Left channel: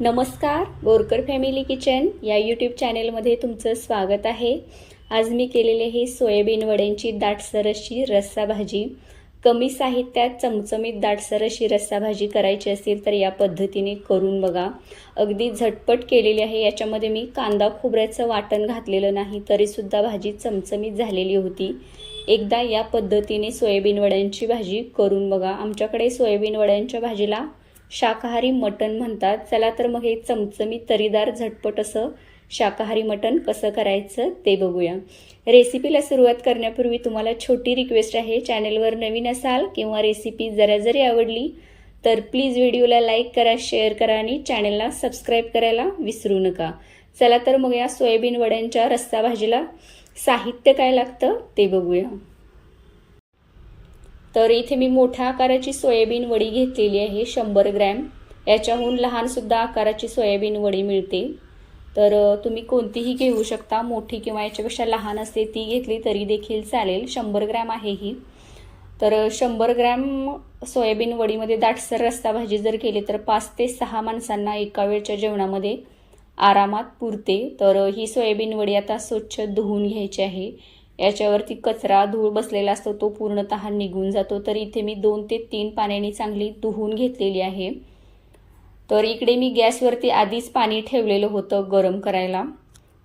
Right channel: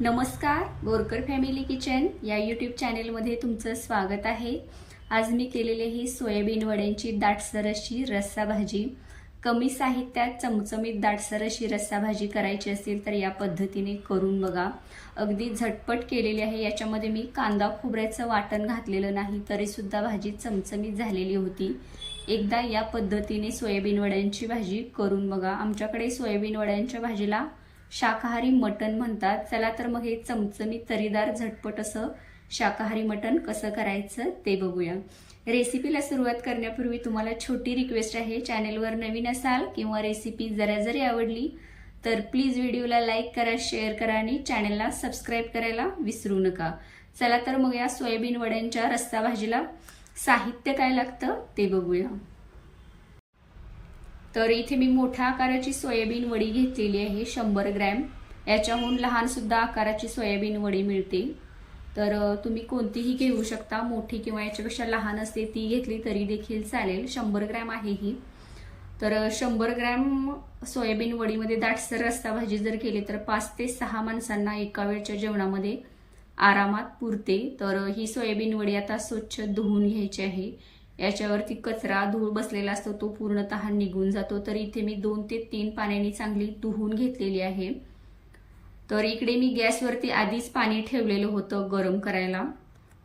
नमस्कार Borkar family kitchen या YouTube चॅनेलमध्ये तुमचं स्वागत आहे. आज मी केलेले हे सोयाबीन वड्यांची दाटसर अशी रस्सा भाजी कमी साहित्यात चमचमीत दाटसर अशी रस्सा भाजी करायची असेल तर या पद्धतीने करून बघा. अगदी झटपट केलेली आहे याच्यामध्ये मी कांदा खोबऱ्याचं वाटण घातलेलं नाही तरीसुद्धा भाजी चमचमीत झालेली होती. एकदा या पद्धतीने सोयाबीन वड्यांची भाजी करून बघा. आमच्याकडे सोयाबीन वड्यांच्या भाजीला शाकाहारी मटण म्हणतात. चला तर मग हे चमचमीत तरीदार झटपट असं शाकाहारी मटण कसं करायचं ते बघूया. रेसिपीला सुरुवात करण्यापूर्वी तुम्हाला छोटी रिक्वेस्ट आहे. चॅनेलवर नवीन असाल किंवा रेसिपी जरा जरी आवडली तर प्लीज व्हिडिओला लाईक करा शेअर करा आणि चॅनलला सबस्क्राईब करायला विसरू नका. चला तर मग या सोयाबीन वड्यांच्या रस्सा भाजीला साहित्य काय लागतं ते बघूया. तर इथे मी मोठ्या आकाराची सोयाबीन वडी घेतलेली आहे शंभर ग्रॅम. याच्याहून लहानसुद्धा आकाराची सोयाबीन वडी मिळते. तर तुम्ही कोणतीही घेऊ शकता मोठी किंवा याच्यापेक्षा लहान असते ती घेतली तरी देखील चालेल. शंभर ग्रॅम आहे ही. तर शंभर ग्रॅम सोयाबीन वडीमध्ये दाटसर रस्ता भाजी जर केली तर पाच ते सहा माणसांना एका वेळच्या जेवणामध्ये आरामात पुरते. तर ही सोयाबीन वडी आता स्वच्छ धुवून घ्यायची आहे. याच्यावरती कचरा धूळ बसलेला असतो तो पूर्णतः निघून जातो. तर इथे मी दोन ते तीन पाण्याने चांगली धुवून घेतलेली आहे. तर इकडे मी गॅसवरती आधीच पाणी ठेवलेलं होतं गरम करायला.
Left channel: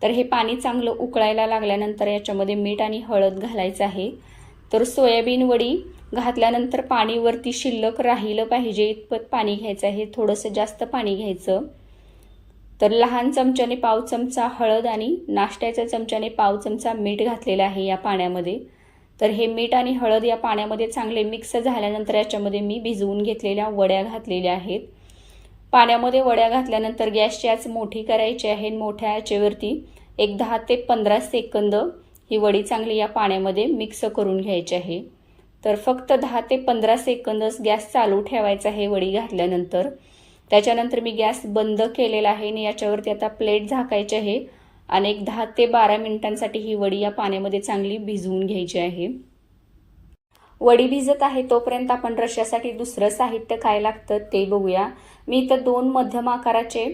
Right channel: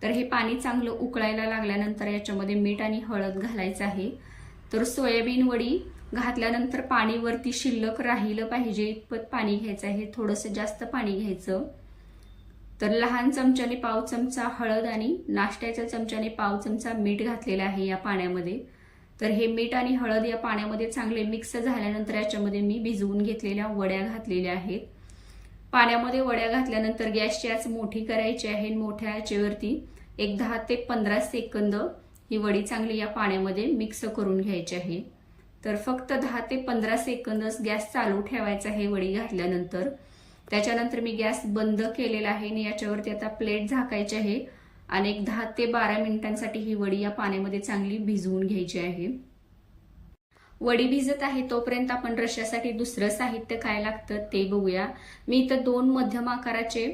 तर हे पाणी चांगलं उकळायला लागल्यानंतर याच्यामध्ये मीठ आणि हळद घालायचं आहे. तर सोयाबीन वडी घातल्यानंतर पाणीवरती शिल्लक राहिलं पाहिजे इतपत पाणी घ्यायचं आहे. थोडंसं जास्त पाणी घ्यायचं. तर लहान चमच्याने पाव चमचा हळद आणि नाश्त्याच्या चमच्याने पाव चमचा मीठ घातलेलं आहे या पाण्यामध्ये. तर हे मीठ आणि हळद या पाण्यामध्ये चांगले मिक्स झाल्यानंतर याच्यामध्ये मी भिजवून घेतलेल्या वड्या घातलेल्या आहेत. पाण्यामध्ये वड्या घातल्यानंतर गॅसची आच मोठी करायची आहे मोठ्या आचेवरती एक दहा ते पंधरा सेकंद ही वडी चांगली या पाण्यामध्ये मिक्स करून घ्यायची आहे. तर फक्त दहा ते पंधरा सेकंदच गॅस चालू ठेवायचा आहे वडी घातल्यानंतर. त्याच्यानंतर मी गॅस बंद केलेला आहे आणि याच्यावरती आता प्लेट झाकायची आहे. आणि एक दहा ते बारा मिनिटांसाठी ही वडी या पाण्यामध्ये चांगली भिजवून घ्यायची आहे. वडी भिजत आहे तोपर्यंत आपण रश्यासाठी दुसरं साहित्य काय लागतं ते बघूया. मी इथं दोन मध्यम आकाराचे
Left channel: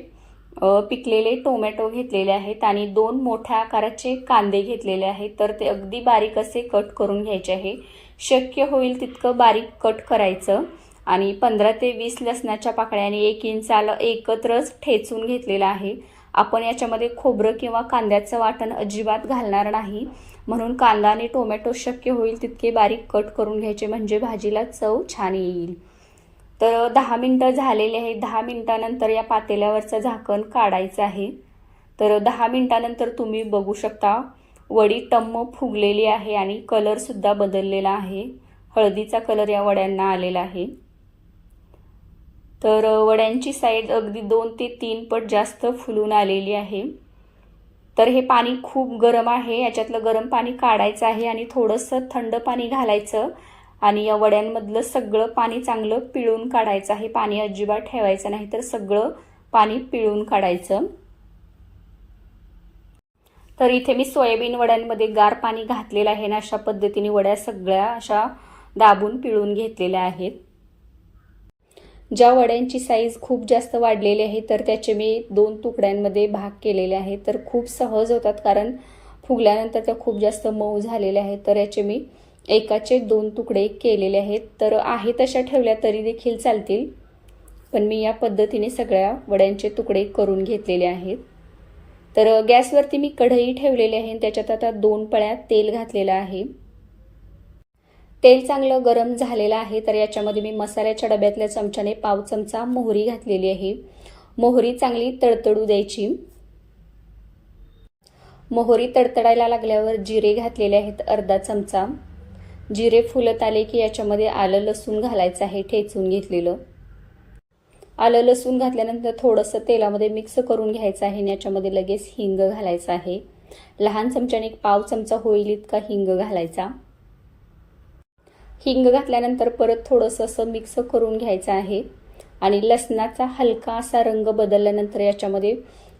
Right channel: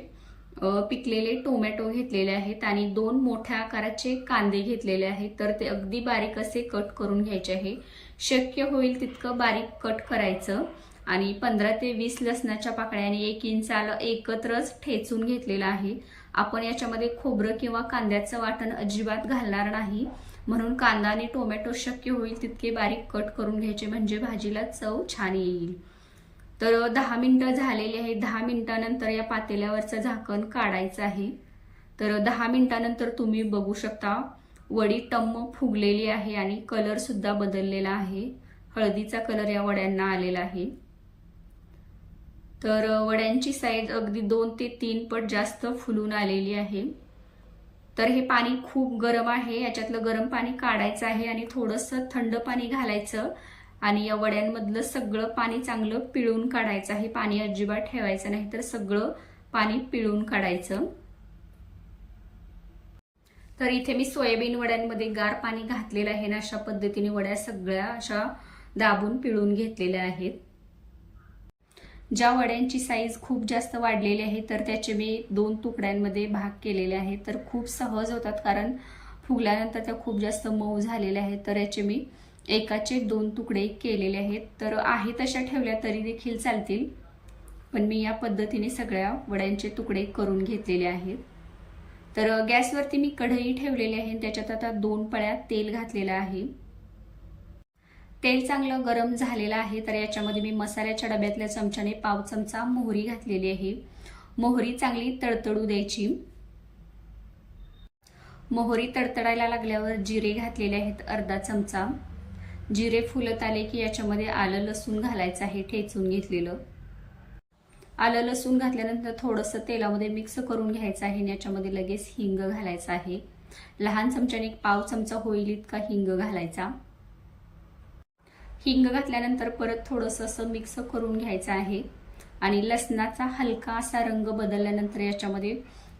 पिकलेले टोमॅटो घेतलेले आहेत आणि दोन मोठ्या आकाराचे कांदे घेतलेले आहेत. तर ते अगदी बारीक असे कट करून घ्यायचे आहे. शक्य होईल तितकं बारीक कट करायचं. आणि पंधरा ते वीस लसणाच्या पाकळ्याने एक इंचाल एकत्रच ठेचून घेतलेलं आहे. आपण याच्यामध्ये खोबरं किंवा कांद्याचं वाटण अजिबात घालणार नाही. म्हणून कांदा आणि टोमॅटो शक्य होईल तितके बारीक कट करून घ्यायचे म्हणजे भाजीला चव छान येईल. तर दहा मिनटं झालेले आहे दहा मिनटानंतर या पातेल्यावरचं झाकण काढायचं आहे. तर दहा मिनटानंतर तुम्ही बघू शकता वडी टम्म फुगलेली आहे आणि कलरसुद्धा बदललेला आहे. हळदीचा कलर या वड्यांना आलेला आहे. तर वड्यांची साईज अगदी दोन ते तीन पट जास्त फुलून आलेली आहे. तर हे पाणी खूप गरम आहे. याच्यातलं गरम पाणी काढायचं आहे आणि थोडंसं थंड पाणी घालायचं आणि या वड्यांमधलं सगळं पाणी चांगलं पिळून काढायचं आहे. पाणी अजिबात ठेवायचं नाही तर सगळं पाणी पिळून काढायचं. तर इथे मी सोयाबीन वड्यांमध्ये गार पाणी घातलेलं आहे ना अशा पद्धतीने वड्या सगळ्या अशा दाबून पिळून घेतलेल्या आहेत. ज्या वड्यांची साईज खूप जास्त वाढलेली आहे तर त्याचे मी दोन तुकड्यांमध्ये भाग केलेले आहेत तर खूप सहज होतात कारण फुगल्यानंतर त्या खूप जास्त मऊ झालेल्या आहेत. तर याचे मी एकाचे दोन तुकडे केलेले आहेत. तर आहे तशा ठेवल्या तरी देखील चालतील. पण मी या पद्धतीने सगळ्या वड्यांचे तुकडे करून घेतलेले आहेत. तर गॅसवरती मी कढई ठेवलेली आहे आणि त्याच्यात आता दोन पळ्या तेल घातलेलं आहे. तेल चांगलं गरम झालेलं आहे तर याच्यामध्ये मी मसाल्याच्या डब्यातल्या चमच्याने पाव चमचा मोहरी घातलेली आहे. मोहरी चांगली तडतडू द्यायची. मोहरी तडतडायला लागल्यावर जिरे घातलेले आहेत अर्धा चमचा. जिरे फुलत आले की याच्यामध्ये आलं लसूण घालायचं आहे ठेचून घेतलेलं. आलं लसूण घातल्यानंतर थोडंसं तेलामध्ये मिक्स करून घ्यायचं आहे आणि याच्यामध्ये लगेच हिंग घालायचं आहे. लहान चमच्याने एक पाव चमचा होईल इतका हिंग घालायचा. हिंग घातल्यानंतर परत थोडंसं असं मिक्स करून घ्यायचं आहे. आणि लसणाचा हलका असा रंग बदलल्यानंतर याच्यामध्ये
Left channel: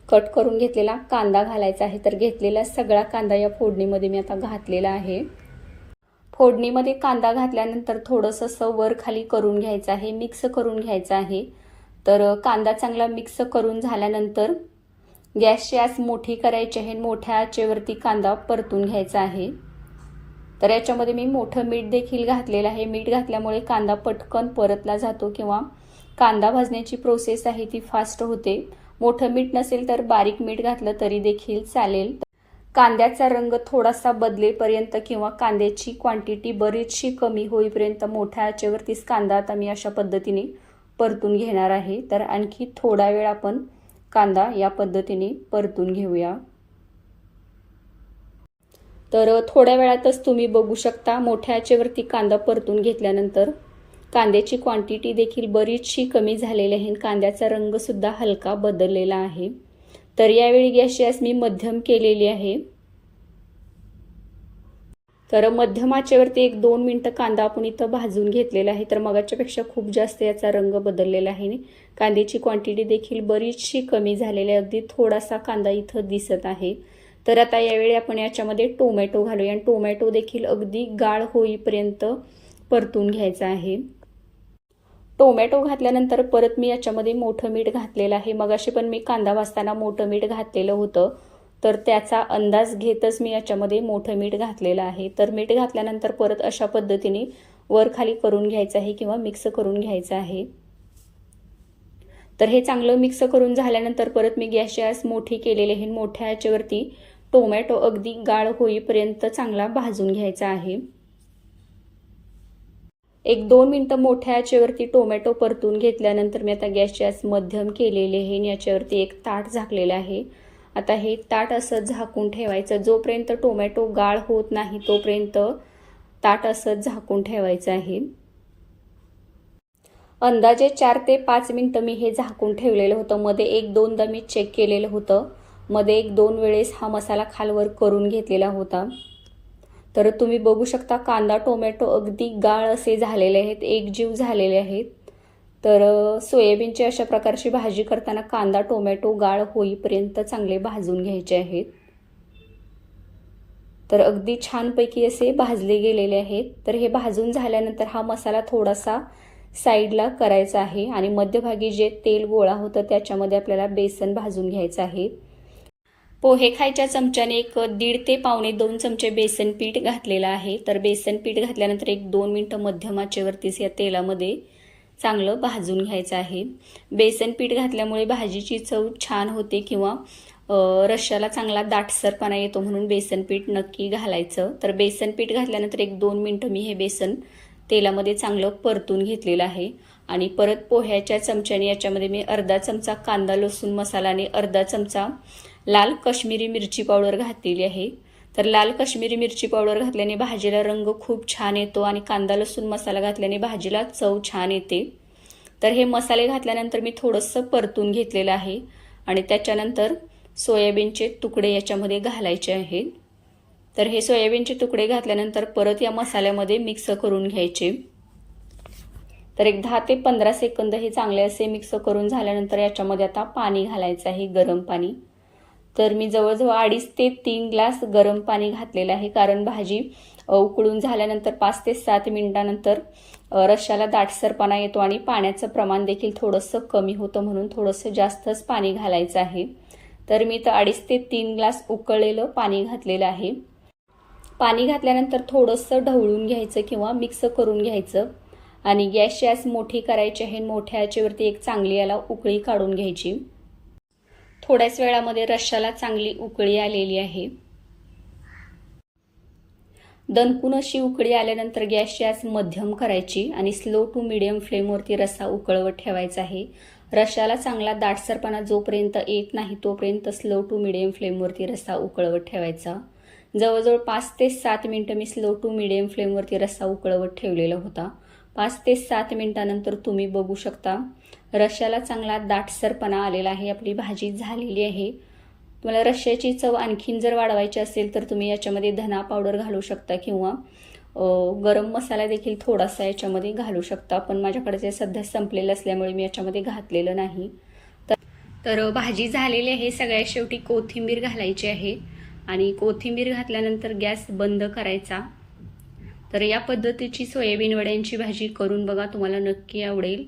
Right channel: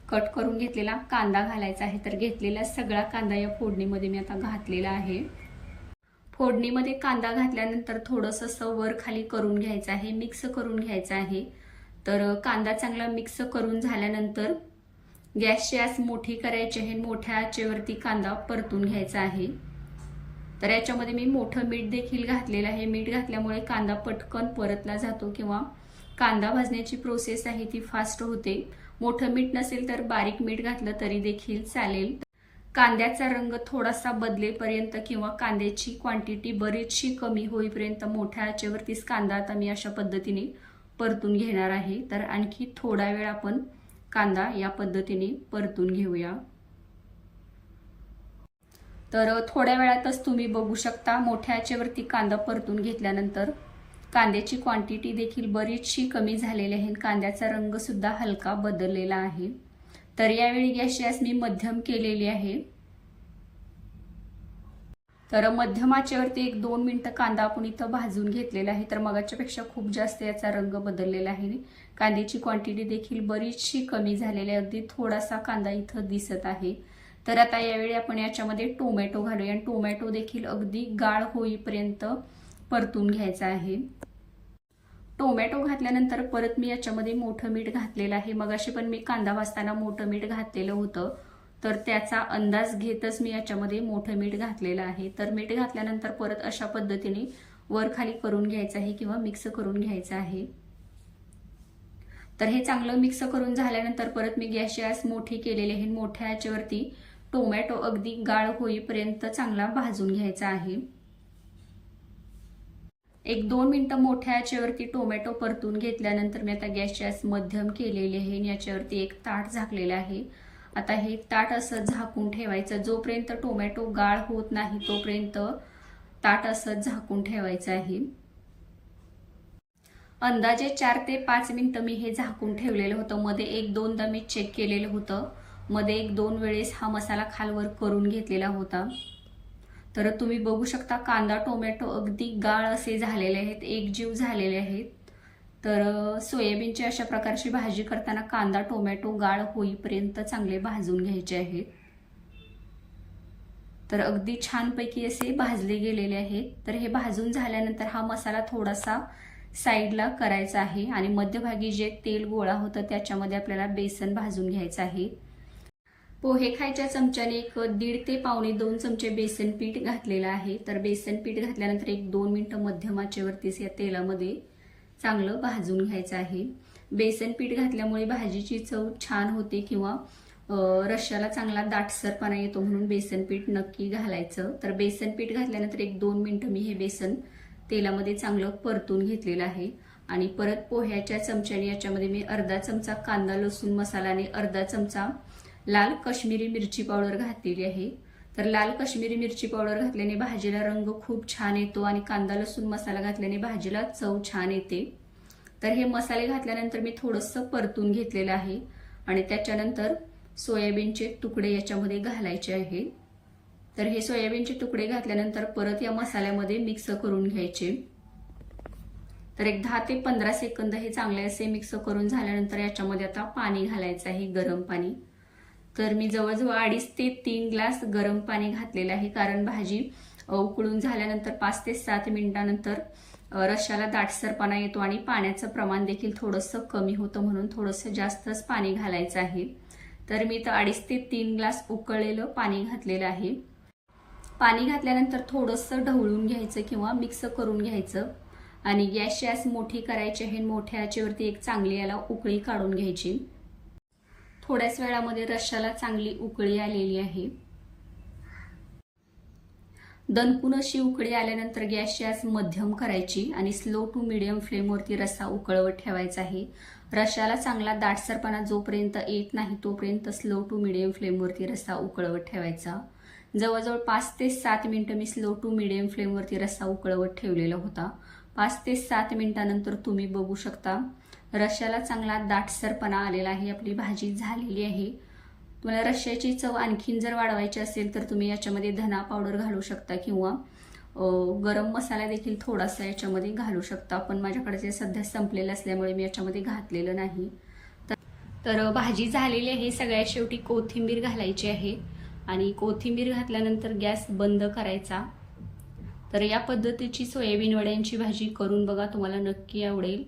कट करून घेतलेला कांदा घालायचा आहे. तर घेतलेला सगळा कांदा या फोडणीमध्ये मी आता घातलेला आहे. फोडणीमध्ये कांदा घातल्यानंतर थोडंसं असं वर खाली करून घ्यायचं आहे. मिक्स करून घ्यायचं आहे. तर कांदा चांगला मिक्स करून झाल्यानंतर गॅसची आस मोठी करायची आहे. मोठ्या आचेवरती कांदा परतून घ्यायचा आहे. तर याच्यामध्ये मी मोठं मीठ देखील घातलेलं आहे. मीठ घातल्यामुळे कांदा पटकन परतला जातो किंवा कांदा भाजण्याची प्रोसेस आहे ती फास्ट होते. मोठं मीठ नसेल तर बारीक मीठ घातलं तरी देखील चालेल. कांद्याचा रंग थोडासा बदलेपर्यंत किंवा कांद्याची क्वांटिटी बरीचशी कमी होईपर्यंत मोठ्या आचेवरतीच कांदा आता मी अशा पद्धतीने परतून घेणार आहे. तर आणखी थोडा वेळ आपण कांदा या पद्धतीने परतून घेऊया. तर थोड्या वेळातच तुम्ही बघू शकता मोठ्या आचेवरती कांदा परतून घेतल्यानंतर. कांद्याची क्वांटिटी देखील बरीचशी कमी झालेली आहे कांद्याचा रंगसुद्धा हलका बदललेला आहे. तर यावेळी गॅसची गॅस मी मध्यम केलेली आहे. तर मध्यम आचेवरती एक दोन मिनटं कांदा आपण इथं भाजून घेतलेला आहे. तर मगाच्यापेक्षा खूप जास्त याचा रंग बदललेला आहे. कांद्याची क्वांटिटी देखील बरीचशी कमी झालेली आहे. अगदी थोडासा कांदा इथं दिसत आहे. तर आता यावेळी आपण याच्यामध्ये टोमॅटो घालूया. आणि टोमॅटो देखील अगदी गाळ होईपर्यंत परतून घ्यायचा आहे. टोमॅटो घातल्यानंतर परत मी याच्यामध्ये मोठं मीठ घातलेलं आहे. मगाशी पण मी कांदा भाजताना मोठं मीठ घातलेलं होतं. तर त्याचा अंदाज घेतच मी याच्यामध्ये मोठं मीठ घातलेलं आहे. तर मीठ घातल्यानंतर परत अशा पद्धतीने वर खाली करून घ्यायचं आहे किंवा मिक्स करून घ्यायचं आहे. तर हे चांगलं मिक्स करून झाल्यानंतर परत मी गॅसची आस मोठी केलेली आहे. मोठ्या याच्यावरती टोमॅटो अगदी गाळ होईपर्यंत चांगला भाजून घ्यायचा आहे. एक दोन मिनटं मोठ्या याच्यावरती टोमॅटो परतून घेतल्यानंतर मी आता गॅसची गॅस मध्यम केलेली आहे आणि याच्यावरती एक ताट झाकलेलं आहे. आता हे ताट असं झाकून ठेवायचं. जोपर्यंत टोमॅटो गाळ होत नाही तोपर्यंत ताट असं झाकून ठेवायचं आहे. अंदाजे चार ते पाच मिनटं मी हे झाकून ठेवलेलं होतं. मध्ये एक दोनदा मी चेक केलेलं होतं. मध्ये एक दोन वेळेस हा मसाला खालवर करून घेतलेला होता. तर तुम्ही बघू शकता कांदा टोमॅटो अगदी गाळ असे झालेले आहेत एकजीव झालेले आहेत. तर सोयाबीनची अशा प्रकारची भाजी करताना कांदा टोमॅटो गाळ होईपर्यंत चांगले भाजून घ्यायचे आहेत. तर अगदी छानपैकी असे भाजले गेलेले आहेत. तर हे भाजून झाल्यानंतर हा मसाला थोडासा साईडला करायचा आहे आणि मध्यभागी जे तेल गोळा होतं त्याच्यामध्ये आपल्याला बेसन भाजून घ्यायचं आहे. पोहे खायच्या चमच्याने एक दीड ते पावणे दोन चमचे बेसन पीठ घातलेलं आहे. तर बेसन पीठ घातल्यानंतर एक दोन मिनटं मध्यम आचेवरतीच या तेलामध्ये चांगलं भाजून घ्यायचं आहे. बेसन पीठ घातल्यामुळे भाजीची चव छान होते किंवा रश्याला चांगला दाटसरपणा येतो म्हणून बेसन पीठ नक्की घालायचं. तर बेसन पीठ घातल्यानंतर एक दोन मिनटं मी हे बेसन तेलामध्ये चांगलं परतून घेतलेलं आहे. आणि परत पोह्याच्या चमच्याने याच्यामध्ये मी अर्धा चमचा कांदा लसूण मसालाने अर्धा चमचा लाल कश्मीरी मिरची पावडर घातलेली आहे. तर लाल कश्मीरी मिरची पावडर घातल्याने भाजीला रंग खूप छान येतो आणि कांदा लसूण मसाला घातल्याने भाजीला चव छान येते. तर हे मसाले घातल्यानंतर मी थोडंसं परतून घेतलेलं आहे आणि त्याच्यानंतर सोयाबीनचे तुकडे याच्यामध्ये घालायचे आहेत तर हे सोयाबीनचे तुकडे घातल्यानंतर परत या मसाल्यामध्ये मिक्स करून घ्यायचे. तर एक दहा ते पंधरा सेकंद हे चांगले असे मिक्स करून झाल्यानंतर याच्यामध्ये आता पाणी घालायचं आहे गरम पाणी. तर मी जवळजवळ अडीच ते तीन ग्लास गरम पाणी घातलेलं आहे. कारण भाजी उकळून झाल्यानंतर पाच ते सात मिनिटानंतर रश्याला दाटसरपणा येतो आणि पाण्याचं प्रमाण देखील थोडंसं कमी होतं म्हणून थोडंसं जास्तच पाणी घालायचं आहे. तर मी तर अडीच ते तीन ग्लास उकळलेलं पाणी घातलेलं आहे. पाणी घातल्यानंतर थोडंसं ढवळून घ्यायचं किंवा मिक्स करून घ्यायचं. आणि गॅसची गॅस मोठी करायची आहे मोठ्या याच्यावरती एक चांगली याला उकळी काढून घ्यायची. थोड्याच वेळामध्ये रश्शाला चांगली उकळी आलेली आहे. दणकून अशी उकळी आल्यानंतर गॅसची आज मध्यम करायची आणि स्लो टू मिडियम फ्लेमवरती रस्सा उकळवत ठेवायचा आहे. रश्शाला चांगला दाटसरपणा जोपर्यंत येत नाही तोपर्यंत स्लो टू मिडियम फ्लेमवरती रस्सा उकळवत ठेवायचा. जवळजवळ पाच ते सात मिनटं मी स्लो टू मिडियम फ्लेमवरती रस्सा उकळवत ठेवलेला होता. पाच ते सात मिनिटानंतर तुम्ही बघू शकता. रश्याला चांगला दाटसरपणा आलेला आहे आपली भाजी झालेली आहे. तुम्हाला रश्याची चव आणखीन जर वाढवायची असेल तर तुम्ही याच्यामध्ये धना पावडर घालू शकता किंवा गरम मसाला देखील थोडासा याच्यामध्ये घालू शकता. पण माझ्याकडे ते सध्या संपलेलं असल्यामुळे मी याच्यामध्ये घातलेलं नाही. तर भाजी झालेली आहे. सगळ्यात शेवटी कोथिंबीर घालायची आहे. आणि कोथिंबीर घातल्यानंतर गॅस बंद करायचा. तर या पद्धतीची सोयाबीन वड्यांची भाजी करून बघा तुम्हाला नक्की आवडेल.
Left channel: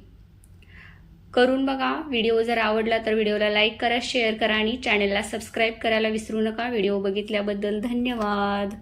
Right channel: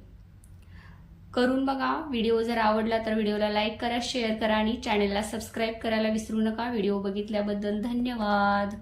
करून बघा. व्हिडिओ जर आवडला तर व्हिडिओला लाईक करा शेअर करा आणि चॅनलला सबस्क्राईब करायला विसरू नका. व्हिडिओ बघितल्याबद्दल धन्यवाद.